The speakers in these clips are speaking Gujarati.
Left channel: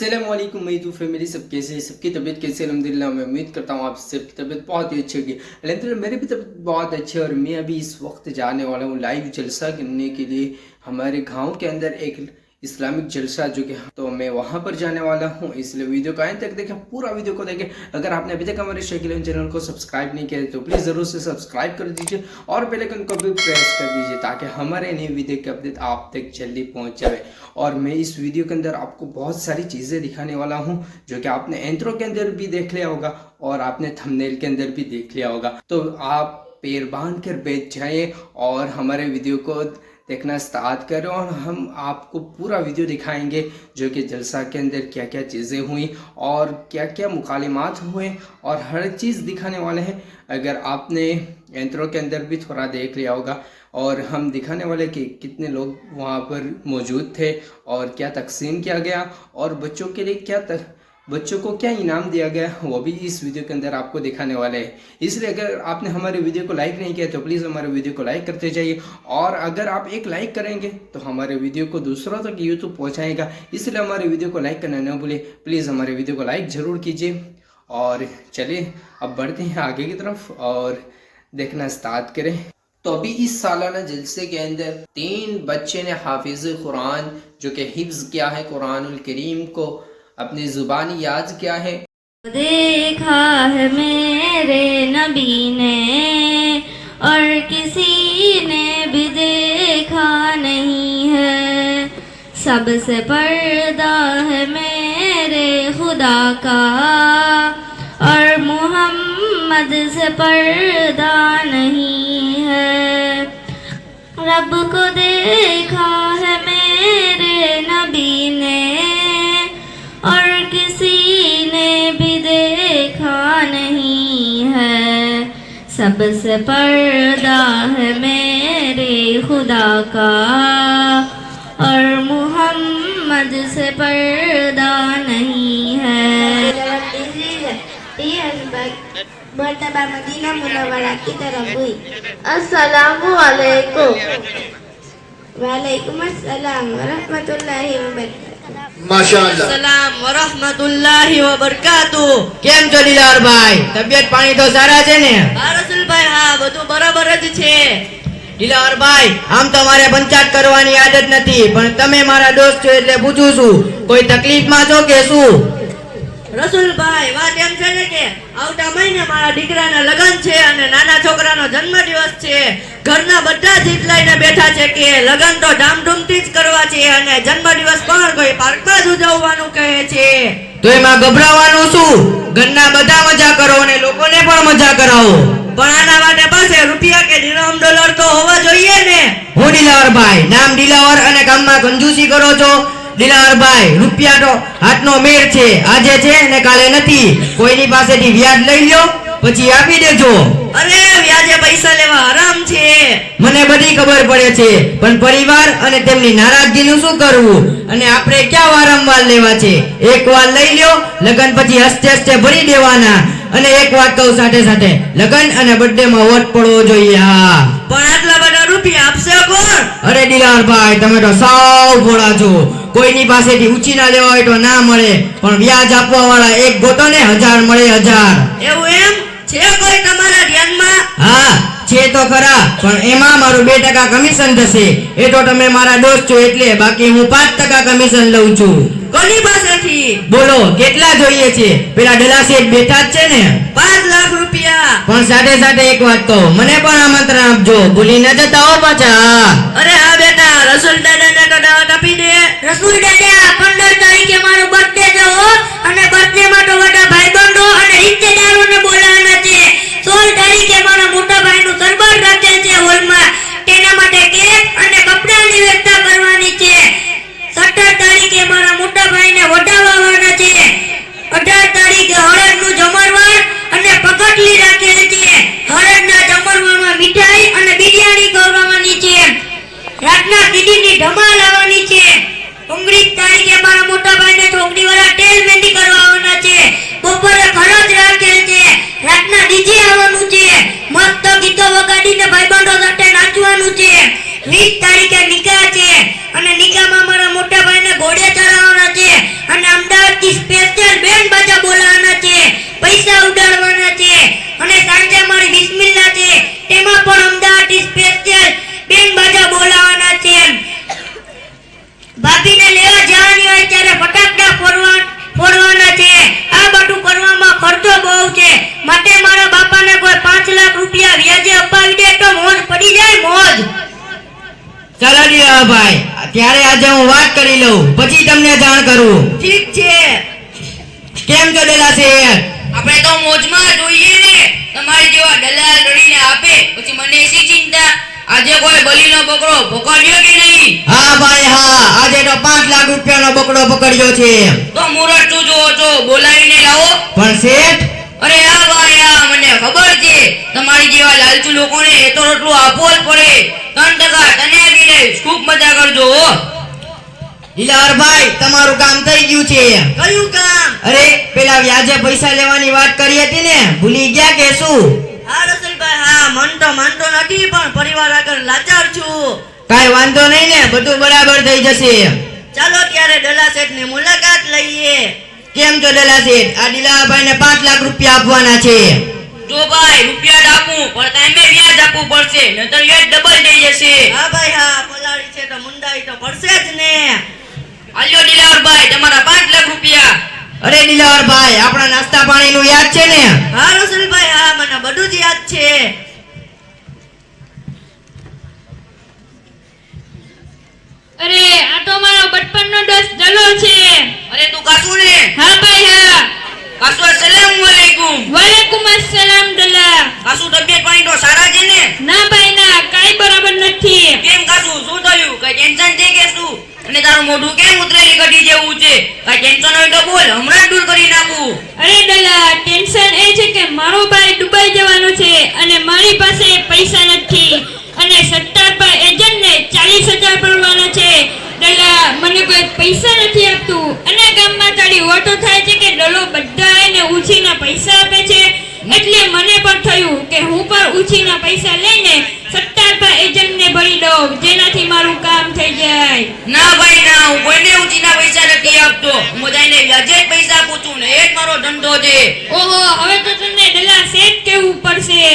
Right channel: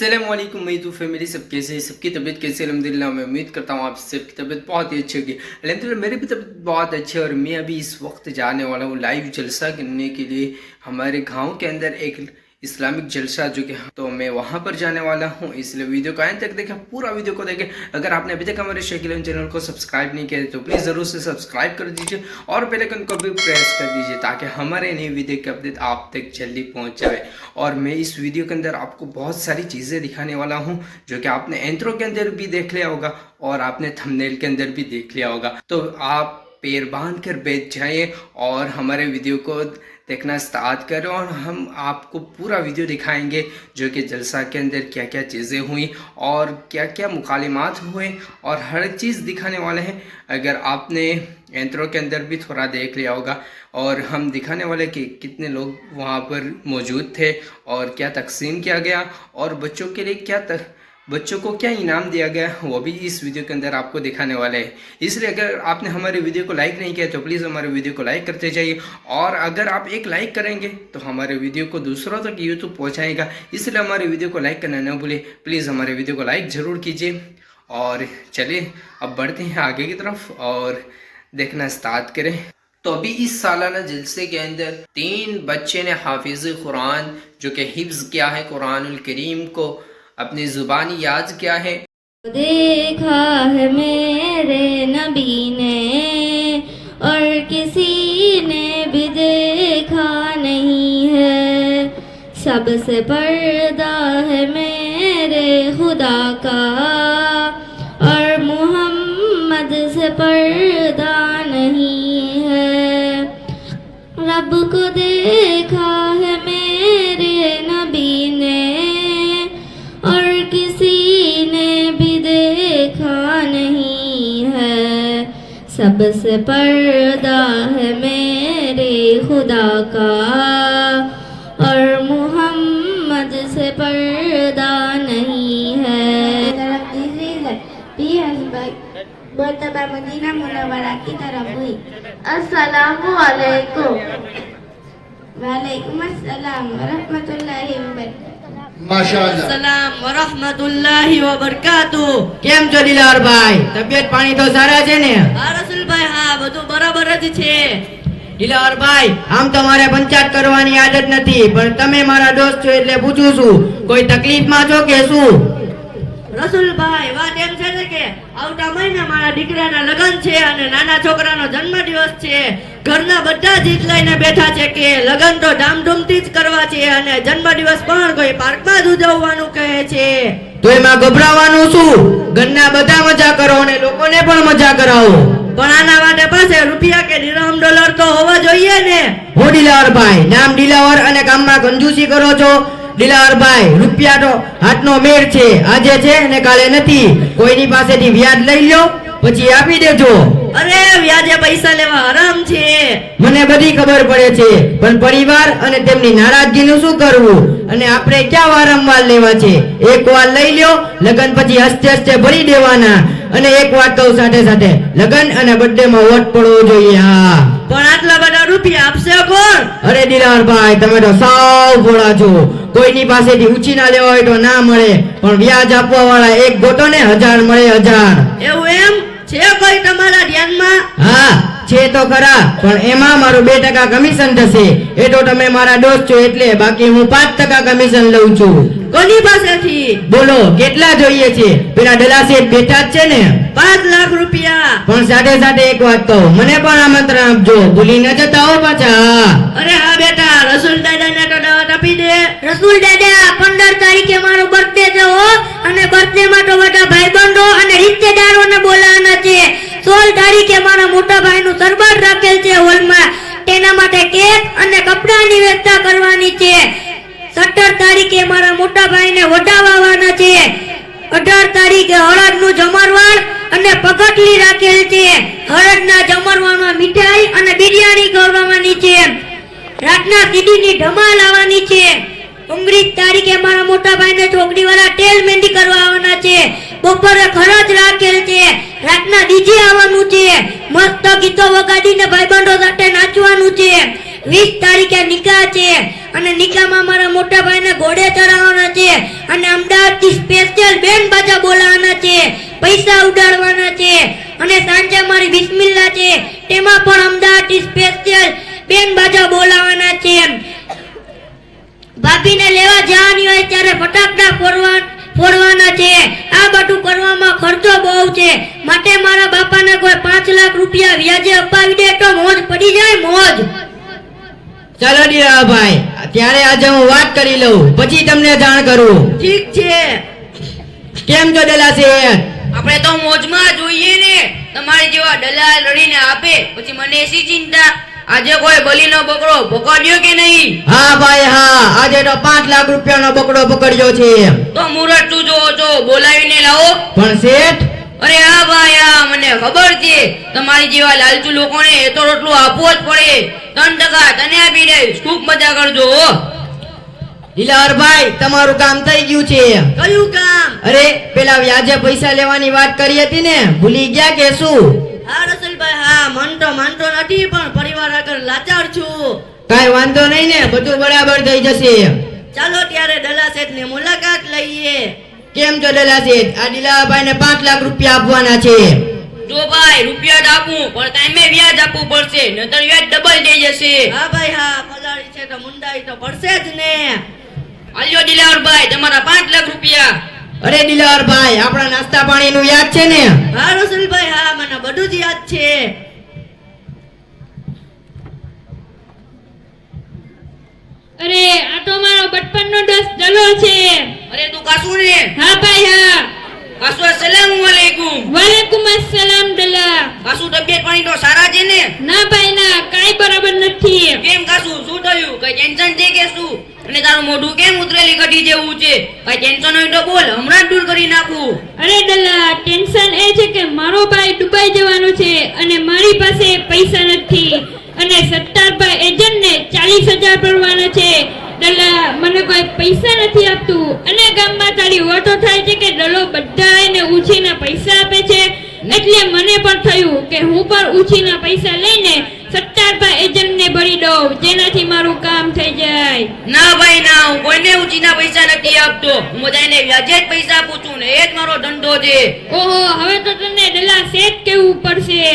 अस्सलाम वालेकुम मेरी फैमिली सब कैसे हैं, सबकी तबीयत कैसी है? अल्हम्दुलिल्लाह मैं उम्मीद करता हूँ आप सबकी तबीयत बहुत ही अच्छी होगी। अल्हम्दुलिल्लाह मेरी भी तबीयत बहुत अच्छी है और मैं अभी इस वक्त जाने वाला हूँ लाइव जलसा करने के लिए हमारे गांव के अंदर एक इस्लामिक जलसा जो कि तो मैं वहां पर जाने वाला हूं, इसलिए वीडियो को अंत तक देखें, पूरा वीडियो को देखें। अगर आपने अभी तक हमारे शकील चैनल को सब्सक्राइब नहीं किया तो प्लीज़ ज़रूर से सब्सक्राइब कर दीजिए और बेल आइकन को भी प्रेस कर दीजिए ताकि हमारे नए वीडियो की अपडेट आप तक जल्दी पहुंच जाए। और मैं इस वीडियो के अंदर आपको बहुत सारी चीज़ें दिखाने वाला हूँ जो कि आपने इंट्रो के अंदर भी देख लिया होगा और आपने थंबनेल के अंदर भी देख लिया होगा। तो आप पैर बांध कर बैठ जाइए और हमारे वीडियो को देखना स्टार्ट करें और हम आपको पूरा वीडियो दिखाएंगे जो कि जलसा के अंदर क्या क्या चीज़ें हुई और क्या क्या मुकालिमात हुए और हर चीज़ दिखाने वाले हैं। अगर आपने इंट्रो के अंदर भी थोड़ा देख लिया होगा और हम दिखाने वाले कि कितने लोग वहाँ पर मौजूद थे और क्या तकसीम किया गया और बच्चों के लिए बच्चों को क्या इनाम दिया गया वो भी इस वीडियो के अंदर आपको दिखाने वाले हैं। इसलिए अगर आपने हमारे वीडियो को लाइक नहीं किया तो प्लीज़ हमारे वीडियो को लाइक करते जाइए और अगर आप एक लाइक करेंगे तो हमारे वीडियो को दूसरों तक यूट्यूब पहुंचाएगा, इसलिए हमारे वीडियो को लाइक करना न भूलें। प्लीज़ हमारे वीडियो को लाइक ज़रूर कीजिए और चलिए अब बढ़ते हैं आगे की तरफ और देखना स्टार्ट करें। तो अभी इस सालाना जलसे के अंदर 3 बच्चे ने हाफिज कुरान जो कि हिफ्ज किया है कुरानुल करीम को अपनी जुबानी याद किया है। देखा है मेरे नबी ने और किसी ने भी देखा नहीं है, सबसे पर्दा है मेरे खुदा का और मोहम्मद से पर्दा नहीं है। रब को देखा है मेरे नबी ने और किसी ने भी देखा नहीं है, सबसे पर्दा है मेरे खुदा का और मोहम्मद से पर्दा नहीं है। मर्तबा मदीना मुनव्वरा की तरफ हुई। अस्सलामु अलैकुम। वालेकुम अस्सलाम व रहमतुल्लाहि व बरकातुहू। माशाअल्लाह। સલામ વરહમતુલ્લાહિ વબરકાતુહુ। કેમ છો દિલાવરભાઈ? તબિયત પાણી તો સારા છે ને? હા રસુલભાઈ, હા બધું બરાબર જ છે। દિલાવરભાઈ, આમ તો મારે પંચાયત કરવાની આદત નથી પણ તમે મારા દોસ્ત છો એટલે પૂછું છું, કોઈ તકલીફમાં છો કે શું? રસુલભાઈ, વાત એમ છે ને કે આવતા મહિને મારા દીકરાના લગ્ન છે અને નાના છોકરાનો જન્મદિવસ છે। ઘરના બધા જીત લઈને બેઠા છે કે લગ્ન તો ધામધૂમથી જ કરવા છે અને જન્મદિવસ પણ કોઈ પાર્કમાં જ ઉજવવાનું કહે છે। તો એમાં ગભરાવાનું શું? ઘરના બધા મજા કરો અને લોકોને પણ મજા કરાવો, પણ આના માટે પાસે રૂપિયા કે દિરહમ ડોલર તો હોવા જોઈએ ને। હું દિલાવરભાઈ, નામ દિલાવર અને કામમાં કંજૂસી કરો છો? દિલાવરભાઈ, રૂપિયા તો હાથનો મેળ છે, આજે છે ને કાલે નથી। કોઈની પાસેથી વ્યાજ લઈ લો પછી આપી દેજો। અરે વ્યાજે પૈસા લેવા હરામ છે, મને બધી ખબર પડે છે, પણ પરિવાર અને તેમની નારાજગીનું શું કરવું અને આપણે ક્યાં વારંવાર લેવા છે? એકવાર લઈ લ્યો, લગન પછી હસ્તે હસ્તે ભરી દેવાના। અને એક વાત કહું સાથે સાથે, લગન અને બર્થડે માં વોટ પડવો જોઈએ। હા, પણ આટલા બધા રૂપિયા આપશે કોણ? અરે દિલાવરભાઈ, તમે તો સાવ ભોળા છો, કોઈની પાસેથી ઉછીના લેવા હોય તો ના મળે પણ વ્યાજ આપવા વાળા એક ગોતો ને 1000 મળે 1000। એવું એમ છે કોઈ તમારા ધ્યાનમાં? હા છે તો ખરા, પણ એમાં મારું 2% કમિશન થશે। એ તો તમે મારા દોસ્ત છો એટલે, બાકી હું 5% કમિશન લઉં છું। કોની પાસેથી? બોલો કેટલા જોઈએ છે? પેલા દલા શેઠ બેઠા જ છે ને, 5 લાખ રૂપિયા। પણ સાથે સાથે એક વાત કહું, મને પણ આમંત્રણ આપજો, ભૂલી ન જતા હો પાછા। અરે હા બેટા, રસૂલ દાદાને કદાવત આપી દે। રસૂલ દાદા, 15 તારીખે મારો બર્થડે છે હો, અને બર્થડે માં તો બધા ભાઈબંધો અને રિશ્તેદારોને બોલાવવાના છે। 16 તારીખે મારા મોટા ભાઈનું સરબાર રાખેલ છે હોલમાં, તેના માટે કેક અને કપડાની વ્યવસ્થા કરવાની છે। 17 તારીખે મારા મોટા ભાઈને વઢાવવાના છે। 18 તારીખે હળદનું જમણવાર અને પગટલી રાખેલ છે। હળદના જમણવારમાં મીઠાઈ અને બિરયાની ખવડાવવાની છે। રાતના કીડીની ધમાલ આવવાની છે। 19 તારીખે મારા મોટા ભાઈને છોકરી વાળા તેલ મહેંદી કરવા આવવાના છે। બપોરે ખરજ રાખેલ છે। રાતના ડીજે આવવાનું છે। મસ્ત ગીતો વગાડીને ભાઈબંધો સાથે નાચવાનું છે। 20 તારીખે નિકાહ છે અને નિકાહમાં મારા મોટા ભાઈને ઘોડે ચડાવવાના છે અને અમદાવાદ અમદાવાદથી સ્પેશિયલ બેન્ડ બાજા બોલાવવાના છે, પૈસા ઉડાડવાના છે અને સાંજે મારી બિસ્મિલ્લાહ છે તેમાં પણ અમદાવાદથી સ્પેશિયલ બેન્ડ બાજા બોલાવવાના છે. ભાભીને લેવા જવાની હોય ત્યારે ફટાકડા ફોડવાના છે. આ બધું કરવામાં ખર્ચો બહુ છે, માટે મારા બાપાને કોઈ 5 લાખ રૂપિયા વ્યાજે અપાવી દે તો મોજ પડી જાય, મોજ. ચાલો દિલાવરભાઈ, ત્યારે આજે હું વાત કરી લઉં, પછી તમને જાણ કરું. ઠીક છે. કેમ છો ડલા શેઠ? આપણે તો મોજમાં જોઈએ ને. તમારી જેવા દલાલ રડીને આપે પછી મને શી ચિંતા? આજે કોઈ બલીનો બકરો પકડ્યો કે નહીં? હા ભાઈ હા, આજે તો 5 લાખ રૂપિયાનો બકરો પકડ્યો છે. તો મુરત શું જોવો છો? બોલાવીને લાવો. પણ શેઠ, અરે હા ભાઈ હા, મને ખબર છે તમારી જેવા લાલચુ લોકોને એ તો રોટલું આપવો જ પડે. 3% તને આપી દઈશ, ખૂબ મજા કરજો હો. દિલાવરભાઈ, તમારું કામ થઈ ગયું છે. કયું કામ? અરે પેલા વ્યાજે પૈસા લેવાની વાત કરી હતી ને, ભૂલી ગયા કે શું? હા રસુલભાઈ હા, માનતો નથી પણ પરિવાર આગળ લાચાર છું. કાઈ વાંધો નહીં ને, બધું બરાબર થઈ જશે. ચાલો ત્યારે દલા શેઠની મુલાકાત લઈએ. કેમ છો ડલા શેઠ? આ દિલાવરભાઈને 5 લાખ રૂપિયા આપવાના છે. જો ભાઈ, રૂપિયા જ આપું પણ ટાઈમે વ્યાજ આપવું પડશે, નહીતર વ્યાજ ડબલ થઈ જશે. હા ભાઈ હા, પલાળી છે તો મુંડાઈ તો પડશે જ ને. આલ્યો દિલાવરભાઈ તમારા 5 લાખ રૂપિયા. અરે દિલાવરભાઈ, આપણા નાસ્તા પાણીનું યાદ છે ને? હા રસુલભાઈ હા, મને બધું જ યાદ છે. અરે આ તો મારો બચપનનો દોસ્ત દલો છે. અરે તું કાસુ ને? હા ભાઈ હા. કાસુ અસલામુ અલૈકુમ. વાલેકુમ અસલામ દલા. કાસુ તબિયત પાણી તો સારા છે ને? ના ભાઈ ના, કાઈ બરાબર નથી. કેમ કાસુ, શું થયું? કઈ ટેન્શન છે કે શું? અને તારું મોઢું કેમ ઉતરેલી કઢી જેવું છે? કઈ ટેન્શન હોય તો બોલ, હમણાં જ દૂર કરી નાખું. અરે દલા, ટેન્શન એ છે કે મારો ભાઈ દુબઈ જવાનો છે અને મારી પાસે પૈસા નથી અને સત્તારભાઈ એજન્ટને 40,000 ભરવાના છે. દલા, મને કોઈ પૈસા નથી આપતું અને ગામમાં તારી ઓટો થાય છે કે દલો બધા એને ઉછીના પૈસા આપે છે, એટલે મને પણ થયું કે હું પણ ઉછીના પૈસા લઈને સત્તારભાઈ એજન્ટને ભરી દઉં, જેનાથી મારું કામ થઈ જાય. ના ભાઈ ના, હું કોઈને ઉચીના પૈસા નથી આપતો. હું બધાને વ્યાજે જ પૈસા આપું છું ને, એ જ મારો ધંધો છે. ઓહો, હવે તો તને દલા શેઠ કહેવું પડશે.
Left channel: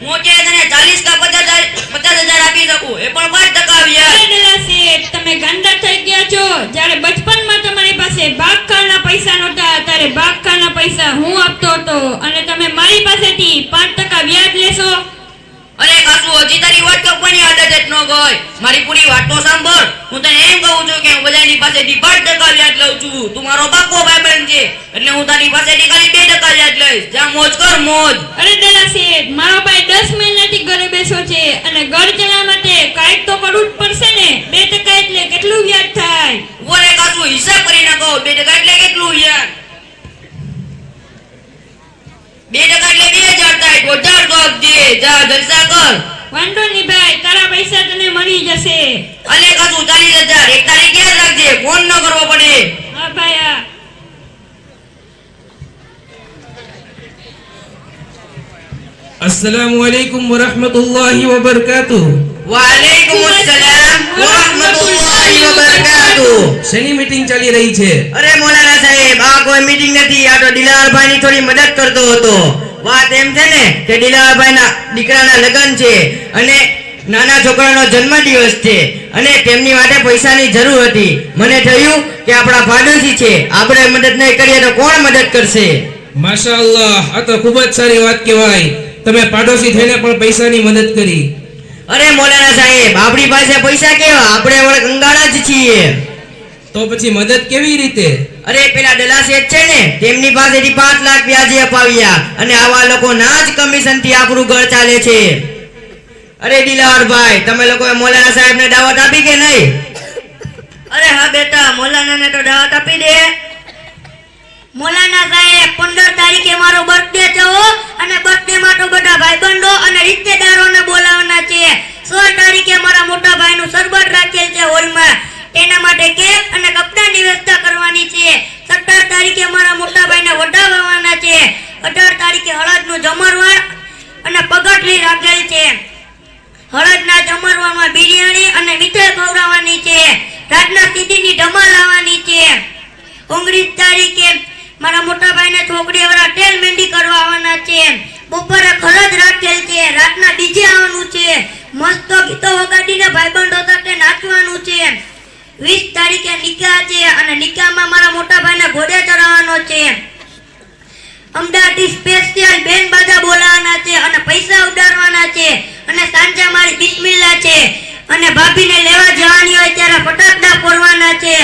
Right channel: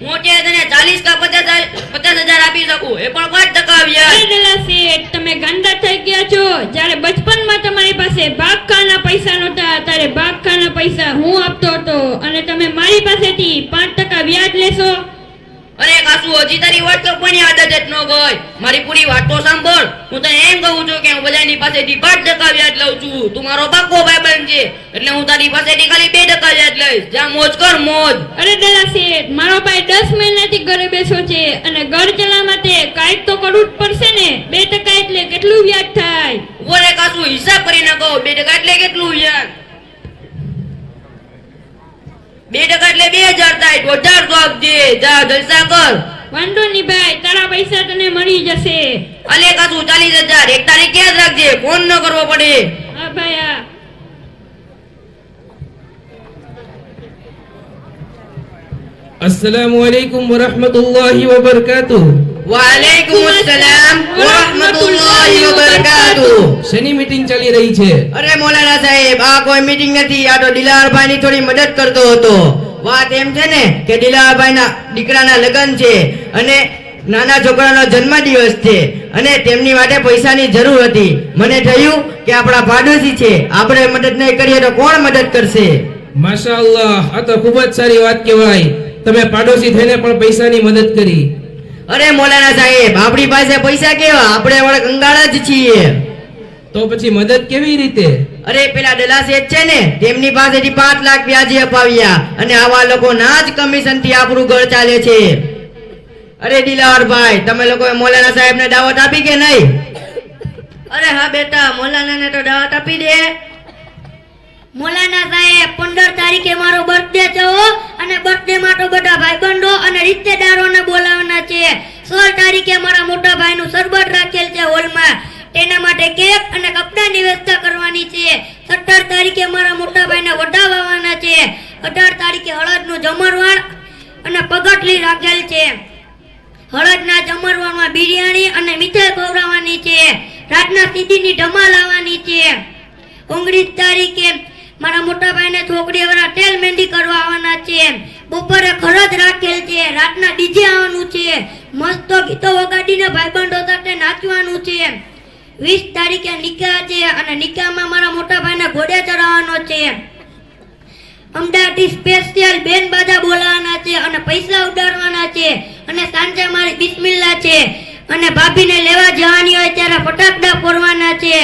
હું અત્યારે તને 40 કે 50,000 આપી શકું, એ પણ 5% વ્યાજ. અરે દલા શેઠ, તમે ગાંડા થઈ ગયા છો. જ્યારે બચપનમાં તમારી પાસે બાગખાના પૈસા નહોતા ત્યારે બાગખાના પૈસા હું આપતો હતો અને તમે મારી પાસેથી 5% વ્યાજ લેશો. અરે કાસુ, હજી તારી વાત કપવાની આદત જ ન ગઈ. મારી પૂરી વાત તો સાંભળ. હું તને એમ કહું છું કે હું બધાની પાસેથી 5% વ્યાજ લઉં છું. તું મારો પાક્કો ભાઈબંધ છે, એટલે હું તારી પાસેથી ખાલી 2% વ્યાજ લઈશ. જા મોજ કર, મોજ. અરે દલા શેઠ, મારો ભાઈ 10 મહિનાથી ઘરે બેસો છે અને ઘર ચલાવવા માટે કાંઈક તો કરવું જ પડશે ને. 2% એટલે કેટલું વ્યાજ થાય? બોલે કાસુ, હિસાબ કરીને કહો. 2% એટલે કેટલું વ્યાજ? 2% એટલે 2,000 થાય. 2,000 તો આપજે. જા જલસા કર. વાંધો નહીં ભાઈ, તારા પૈસા તને મળી જશે. અલે કાસુ, 40,000 એક તારીખ યાદ રાખજે, ફોન ન કરવો પડે. હા ભાઈ હા. अस्सलामुअलैकुम वरहमतुल्लाहि वबरकातुह. વાલેકુમ અસલામ વરહમતુલ્લાહિ વબરકાતુહ. શેની મીટિંગ ચાલી રહી છે? અરે મોલાના સાહેબ, આ કોઈ મીટિંગ નથી, આ તો દિલાવરભાઈની થોડી મદદ કરતો હતો. વાત એમ છે ને કે દિલાવરભાઈના દીકરાના લગ્ન છે અને નાના છોકરાનો જન્મદિવસ છે અને તેમની માટે પૈસાની જરૂર હતી. મને થયું કે આપણા પાડોશી છે, આપણે મદદ નહીં કરીએ તો કોણ મદદ કરશે? માશાઅલ્લાહ, આ તો ખૂબ જ સારી વાત કહેવાય. તમે પાડોશી થઈને પણ પૈસાની મદદ કરી. અરે મોલાના સાહેબ, આપણી પાસે પૈસા કેવા, આપણે વળે કંગાળા જ છીએ. તો પછી મદદ કેવી રીતે? અરે પેલા દલા શેઠ છે ને, તેમની પાસેથી 5 લાખ વ્યાજે અપાવ્યા અને આવા લોકો ના જ કમિશન થી આપણું ઘર ચાલે છે. અરે દિલાવરભાઈ, તમે લોકોએ મોલાના સાહેબને દાવત આપી કે નહીં? અરે હા બેટા, મોલાનાને તો દાવત આપી દે. મોલાના સાહેબ, 15 તારીખે મારો બર્થડે છે હો, અને બર્થડે માં તો બધા ભાઈબંધો અને રિશ્તેદારોને બોલાવવાના છે. 16 તારીખે મારા મોટા ભાઈનું સરબત રાખેલ છે હોલમાં, તેના માટે કેક અને કપડાની વ્યવસ્થા કરવાની છે. 17 તારીખે મારા મોટા ભાઈને વડાવવાના છે. 18 તારીખે હળદનું જમણવાર અને પગટલી રાખેલ છે. હળદના જમણવારમાં બિરયાની અને મીઠાઈ ખવડાવવાની છે. રાતના સીધીની ધમાલ આવવાની છે. 19 તારીખે મારા મોટા ભાઈને છોકરીવાળા ટેલ મહેંદી કરવા આવવાના છે. બપોરે ખરજ રાખેલ છે. રાતના ડીજે આવવાનું છે. મસ્ત ગીતો વગાડીને ભાઈબંધો સાથે નાચવાનું છે. 20 તારીખે નિકાહ છે અને નિકાહમાં મારા મોટા ભાઈને ઘોડે ચડાવવાનો છે. અમદાવાદથી સ્પેશિયલ બેન બાજા બોલાવવાના છે અને પૈસા ઉડાડવાના છે અને સાંજે મારી બિસ્મિલ્લાહ છે અને ભાભીને લેવા જવાની હોય ત્યારે ફટાકડા ફોડવાના છે.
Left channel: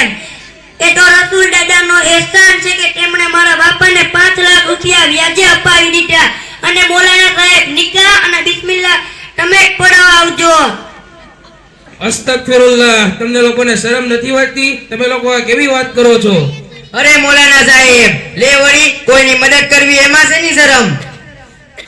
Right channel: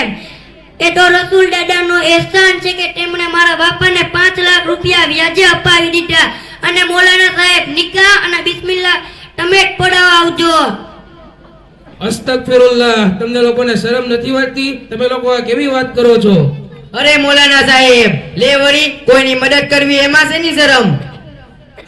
એ તો રસૂલ દાદાનો એહસાન છે કે તેમણે મારા બાપાને 5 લાખ રૂપિયા વ્યાજે અપાવી દીધા. અને મોલાના સાહેબ નિકાહ અને બિસ્મિલ્લાહ તમે પડાવવા આવજો. અસ્તગફિરુલ્લાહ, તમને લોકોને શરમ નથી વાગતી? તમે લોકો આ કેવી વાત કરો છો? અરે મૌલાના સાહેબ, લે વળી કોઈની મદદ કરવી એમાં શેની શરમ?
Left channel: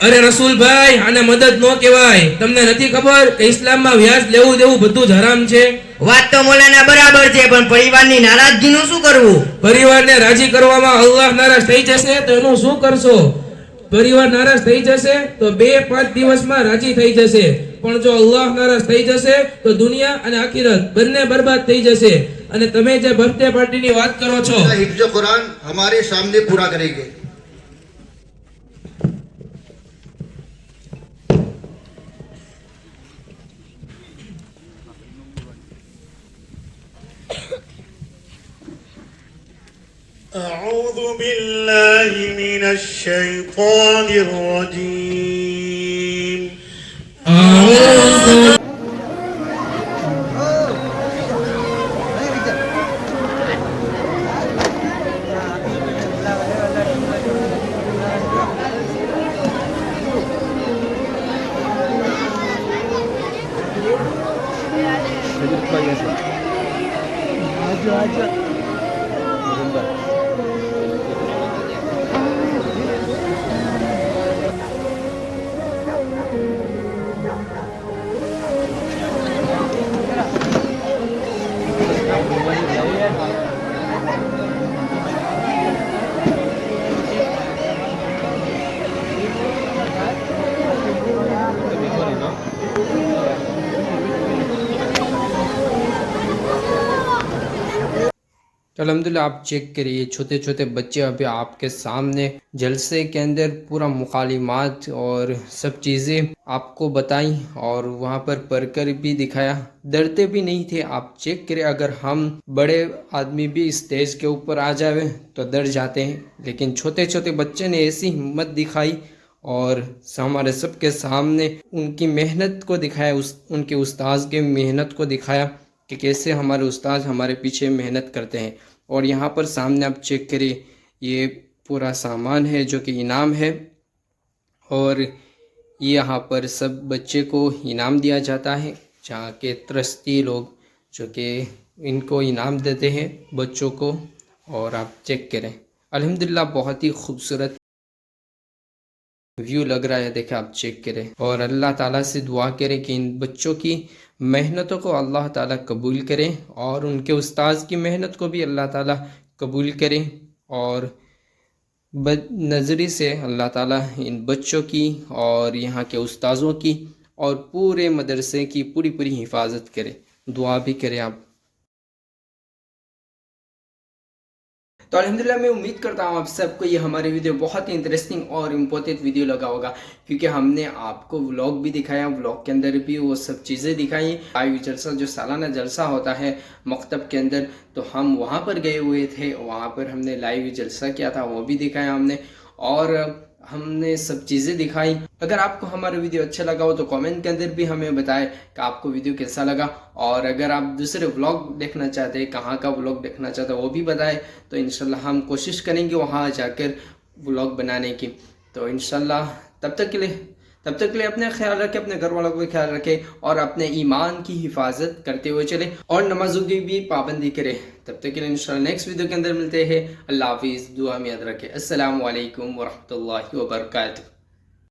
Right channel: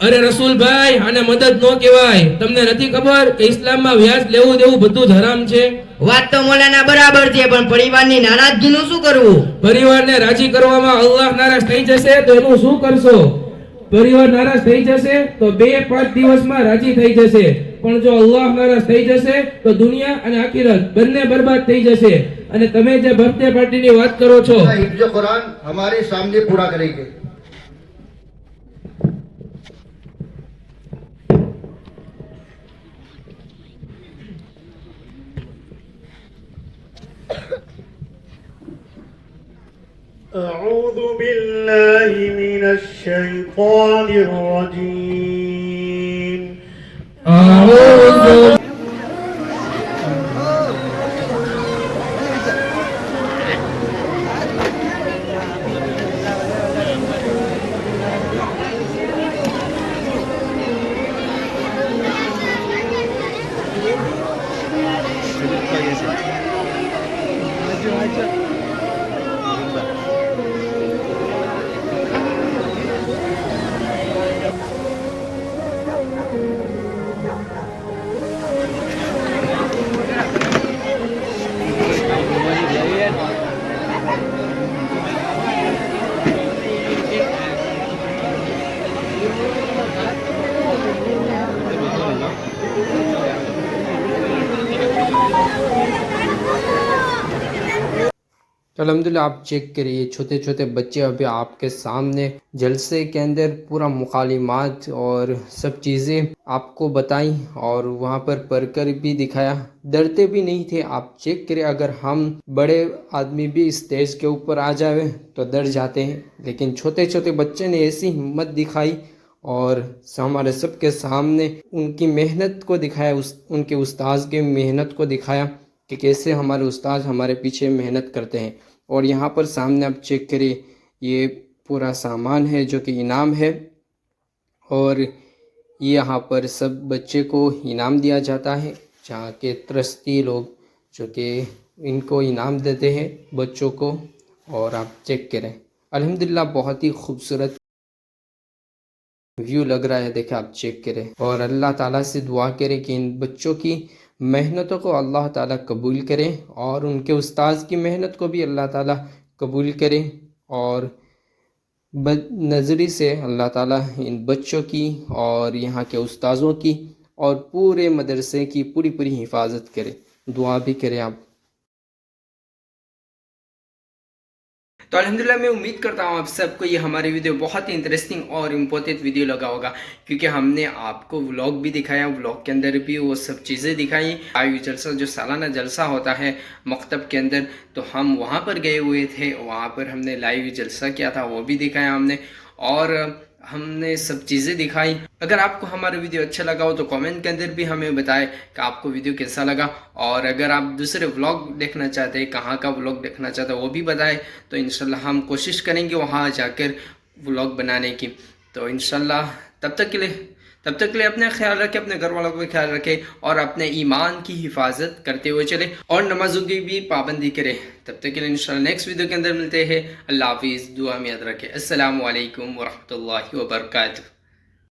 અરે રસૂલભાઈ, આને મદદ ન કહેવાય. તમને નથી ખબર કે ઇસ્લામમાં વ્યાજ લેવું દેવું બધું જ હરામ છે? વાત તો મૌલાના બરાબર છે, પણ પરિવારની નારાજગીનું શું કરવું? પરિવારને રાજી કરવામાં અલ્લાહ નારાજ થઈ જશે તો એનું શું કરશો? પરિવાર નારાજ થઈ જશે તો 2-5 દિવસમાં રાજી થઈ જશે, પણ જો અલ્લાહ નારાજ થઈ જશે તો દુનિયા અને આખિરત બંને બરબાદ થઈ જશે. અને તમે જે બર્થડે પાર્ટીની વાત કરો છો, हिफ्ज़ कुरान हमारे सामने पूरा करेंगे. أعوذ بالله من الشيطان الرجيم. तो अल्हम्दुलिल्लाह आप चेक करिए, छोटे छोटे बच्चे अभी आपके सामने जलसे के अंदर पूरा मुकालिमात और सब चीज़ें आपको बताई और वहाँ पर पढ़कर भी दिखाया. डरते भी नहीं थे. आप चेक करिए, अगर हम बड़े आदमी भी स्टेज के ऊपर आ जाए तो डर जाते हैं, लेकिन छोटे छोटे बच्चे ने ऐसी हिम्मत दिखाई और हमारे सबके सामने उनकी मेहनत को दिखाया, उनके उस्ताद के मेहनत को दिखाया कि कैसे हमारे उस्ताद हमारे पीछे मेहनत करते हैं. और यहाँ पर सामने आप चेक करिए, ये पूरा सामान है जो कि इनाम है और यहाँ पर सब बच्चे को इनाम दिया जाता है, जहाँ के ट्रस्टी लोग जो कि इनको इनाम देते हैं बच्चों को. और आप चेक करें, अल्हम्दुलिल्लाह बहुत ही खूबसूरत व्यू लग रहा है. देखें, आप चेक करें और अल्लाह ताला से दुआ करें कि इन बच्चों की मेहनतों को अल्लाह ताला कबूल करें और उनके उस्ताद की मेहनत को भी अल्लाह ताला कबूल करें. और बदनज़री से अल्लाह ताला इन बच्चों की और यहाँ के उस्ताज़ों की और पूरे मदरसे की पूरी पूरी हिफाजत करें. दुआ भी करें आप. तो अल्हम्दुलिल्लाह मैं उम्मीद करता हूँ आप सबको ये हमारी वीडियो बहुत ही इंटरेस्टिंग और इम्पोर्टेंट वीडियो लगा होगा, क्योंकि हमने आपको व्लॉग भी दिखाया, व्लॉग के अंदर भी वो सब चीज़ें दिखाई. लाइव जलसा जो सालाना जलसा होता है मकतब के अंदर, तो हम वहाँ पर गए हुए थे, वहाँ पर हमने लाइव जलसा किया था, वो भी दिखाया हमने और हमने सब चीज़ें दिखाई. अगर आपको हमारा वीडियो अच्छा लगा हो तो कमेंट के अंदर भी हमें बताएं कि आपको वीडियो कैसा लगा. और अगर आप दूसरे व्लॉग देखना चाहते हैं, कहाँ का व्लॉग देखना चाहते हैं, वो भी बताएं. तो इंशाल्लाह हम कोशिश करेंगे वहाँ जाकर व्लॉग बनाने की. तो इंशाल्लाह तब तक के लिए अपने ख्याल रखें, अपने घर वालों का ख्याल रखें और अपने ईमान की हिफाजत करते हुए चले और नमाजों की भी पाबंदी करें. तब तक के लिए इंशाल्लाह नेक्स्ट वीडियो के अंदर मिलते हैं. अल्लाह हाफिज़. दुआ में याद रखें. अस्सलामु अलैकुम वरहमतुल्लाहि वबरकातुहू.